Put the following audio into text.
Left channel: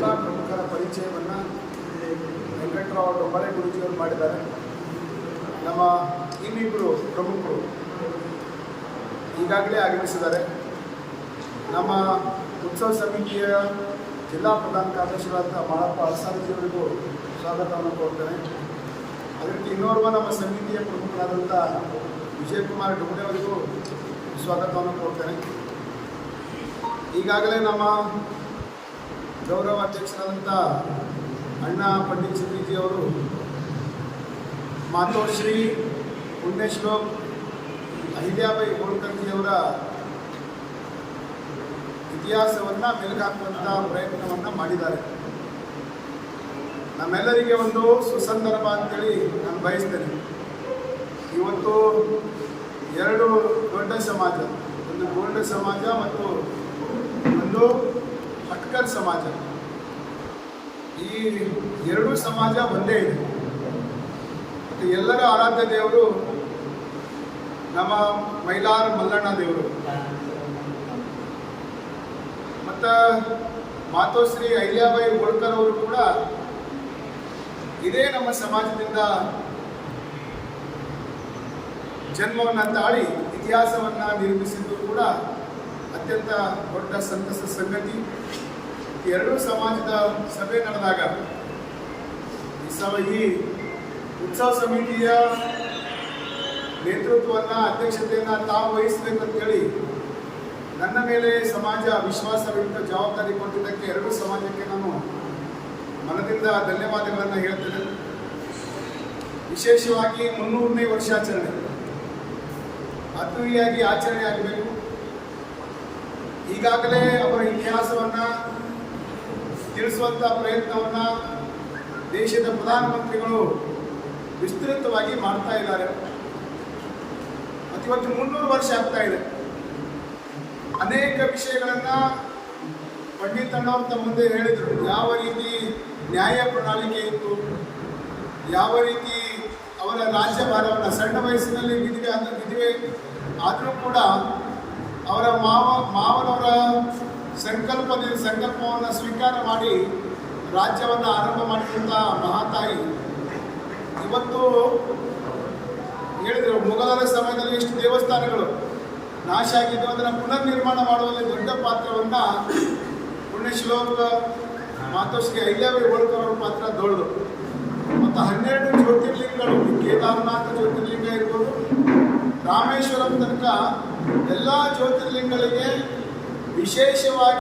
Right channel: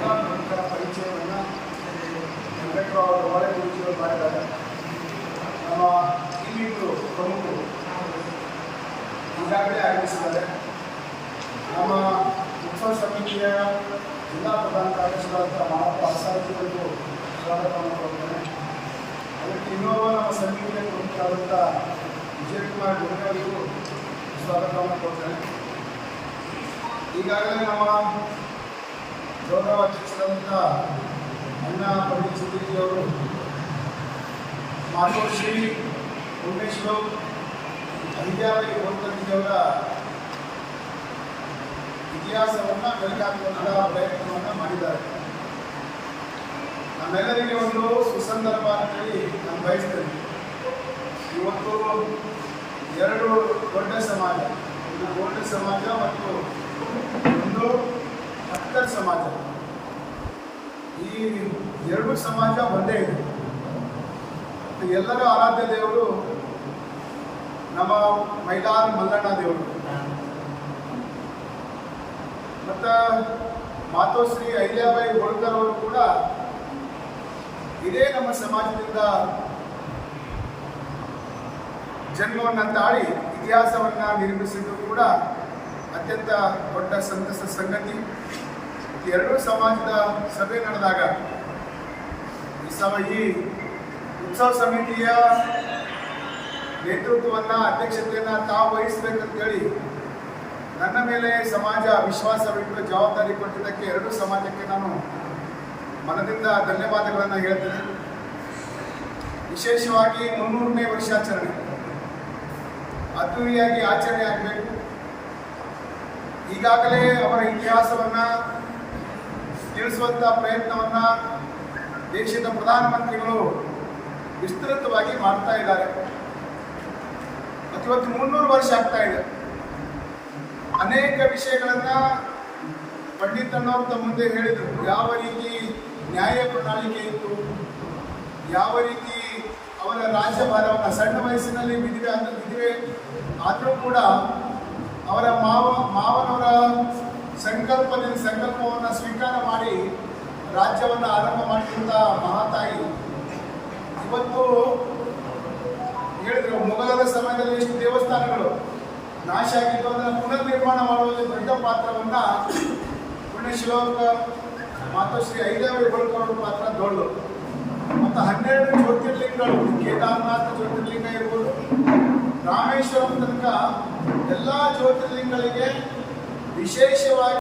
ಎಲ್ಲ ಪ್ರಮುಖರ ಪರಿಚಯವನ್ನು ವೆಂಕಟರಾವ್ ಡೊಂಬಾಳೆ ಗುರೂಜಿಯವರು ಮಾಡಿದ್ದಾರೆ. ನಮ್ಮ ಇನ್ನಿಬ್ಬರು ಪ್ರಮುಖರು ಈಗಾಗಲೇ ಆಗಮಿಸಿದ್ದಾರೆ. ನಮ್ಮ ಉತ್ಸವ ಸಮಿತಿಯ ಜಿಲ್ಲಾ ಪ್ರಧಾನ ಕಾರ್ಯದರ್ಶಿಗಳಾದ ಮಾಳಪ್ಪ ಅರಸಾರಿಯವರಿಗೂ ಸ್ವಾಗತವನ್ನು ಕೊಡ್ತೇನೆ. ಅದಕ್ಕೆ ಇನ್ನೋರ್ವ ನಮ್ಮ ಸಮಿತಿಯ ಪ್ರಮುಖರಾದಂಥ ವಿಜಯಕುಮಾರ್ ಡೊಂಬೆ ಅವರಿಗೂ ಸ್ವಾಗತವನ್ನು ಕೊಡ್ತೇನೆ. ಈಗಾಗಲೇ ನಮ್ಮ ಗೌರವ ಅಧ್ಯಕ್ಷರಾದಂಥ ಅಣ್ಣ ಪಂಡಿತ್ ಚಿತ್ರಿಜಿಯವರು ಮಾತೋಶ್ರೀ ಪುಣ್ಯಶ್ಲೋಕ್ ಅಹಿಲ್ಯಾಬಾಯಿ ಹೋಳ್ಕರ್ಜಿಯವರ ಇತಿಹಾಸವನ್ನು ಮೆಲುಕಾಕುವಂಥ ಪ್ರಯತ್ನವನ್ನು ಮಾಡಿದ್ದಾರೆ. ನಮ್ಮೆಲ್ಲರಿಗೆ ಒಂದು ಸುಸಂದರ್ಭ ಅಂತೇಳಿ ನಾನು ಬಯಸ್ತೇನೆ. ಇವತ್ತು ಎರಡು ದೊಡ್ಡ ಸಮಾಜ, ಒಂದು ಗೋಲ್ಡ್ ಸಮಾಜ ಮತ್ತು ಒಂದು ಹಟ್ಕರ್ ಸಮಾಜ. ಈ ಎರಡೂ ಸಮಾಜ ಒಂದೇ ಇದೆ. ಮತ್ತು ಎಲ್ಲರ ಆರಾಧ್ಯ ದೇವರು ನಮ್ಮ ಮೈಲಾರ ಮಲ್ಲಣ್ಣ ದೇವರು ಮತ್ತು ಮಾತೋಶ್ರೀ ಅಹಿಲ್ಯಾಬಾಯಿ ಹೋಳ್ಕರ್ ಅವರು ಕೂಡ ಇದೇ ನಮ್ಮ ಸಮಾಜದಿಂದ ಜನ್ಮವನ್ನು ತಾಳಿ ಇತಿಹಾಸವನ್ನು ನಿರ್ಮಿಸಿದ್ದು ಕೂಡ ಅತ್ಯಂತ ದೊಡ್ಡ ಸಂತಸ ಸಂಗತಿ. ಎರಡೂ ಸಮಾಜದ ಸಭೆ ನಡೆದಾಗ ಈ ಉತ್ಸವ ಸಮಿತಿಯ ನೇತೃತ್ವವನ್ನು ಅಧ್ಯಕ್ಷತೆಯನ್ನು ತಾವು ವಹಿಸಬೇಕಂತೇಳಿ ನನ್ನ ಮೇಲೆ ಸಮಾಜ ವಿಶ್ವಾಸವಿಟ್ಟು ಜವಾಬ್ದಾರಿ ಕೊಟ್ಟಿದ್ದಕ್ಕೆ ಎರಡೂ ಸಮಾಜಕ್ಕೆ ನಾನು ಮನದಿಂದ ಧನ್ಯವಾದಗಳನ್ನು ಹೇಳ್ತೇನೆ. ವಿಶೇಷವಾಗಿ 300ನೇ ವರ್ಷಾಚರಣೆ ಅದ್ದೂರಿಯಾಗಿ ಆಚರಣೆ ಆಗಬೇಕು. ಈಗಾಗಲೇ ಅವರ ಇತಿಹಾಸವನ್ನು ತಿಳಿಸುವಂಥ ಪ್ರಯತ್ನವನ್ನು ದೇಶದ ಪ್ರಧಾನಮಂತ್ರಿಗಳು ವಿಸ್ತೃತವಾಗಿ ಮಾಡ್ತಾ ಇದ್ದಾರೆ. ಮತ್ತು ಇವತ್ತು 300 ವರ್ಷ ಆಗ್ತಾ ಇದೆ. ಅನೇಕ ವಿಷಯಗಳನ್ನು ಪಂಡಿತ್ ಅಣ್ಣವ್ರ ತಮ್ಮ ಮುಂದೆ ಹೇಳಿದರು. ಯಾವ ರೀತಿ ನ್ಯಾಯ ಪ್ರಣಾಳಿಕೆ ಇತ್ತು, ಯಾವ ರೀತಿ ಅವರ ರಾಜ್ಯಭಾರವನ್ನು ಸಣ್ಣ ವಯಸ್ಸಿನಲ್ಲಿ ವಿಧವೆ ಆದರೂ ಕೂಡ ಅವರ ಮಾವನವರ ಸಂಕಲ್ಪವನ್ನು ಸ್ವೀಕಾರ ಮಾಡಿ ರಾಜ್ಯವನ್ನು ಆರಂಭ ಮಾಡಿದಂಥ ಮಹಾತಾಯಿ ಇವತ್ತು ಹೇಳಿದರು. ಮೊಘಲರ ಸಮಯದಲ್ಲಿ ಎಷ್ಟು ದೇವಸ್ಥಾನಗಳು ನಾಶ ಆಗಿದ್ದು ಅದನ್ನು ಪುನರ್ ನಿರ್ಮಾಣ ಮಾಡುವಲ್ಲಿ ದೊಡ್ಡ ಪಾತ್ರವನ್ನು ಪುಣ್ಯಶ್ಲೋಕ ಮಾತೋಶ್ರೀ ಅಹಿಲ್ಯಾಬಾಯಿ ಹೋಳ್ಕರ್ ಅವರ ಪಾತ್ರ ದೊಡ್ಡದು. ಮತ್ತು 12 ಜ್ಯೋತಿರ್ಲಿಂಗಗಳು, ಕೇದಾರನಾಥ ಜ್ಯೋತಿರ್ಲಿಂಗ ಇರ್ಬೋದು, ರಾಮೇಶ್ವರಂ ತನಕ ಎಲ್ಲ ಜ್ಯೋತಿರ್ಲಿಂಗಗಳಿಗೆ ವಿಶೇಷವಾಗಿ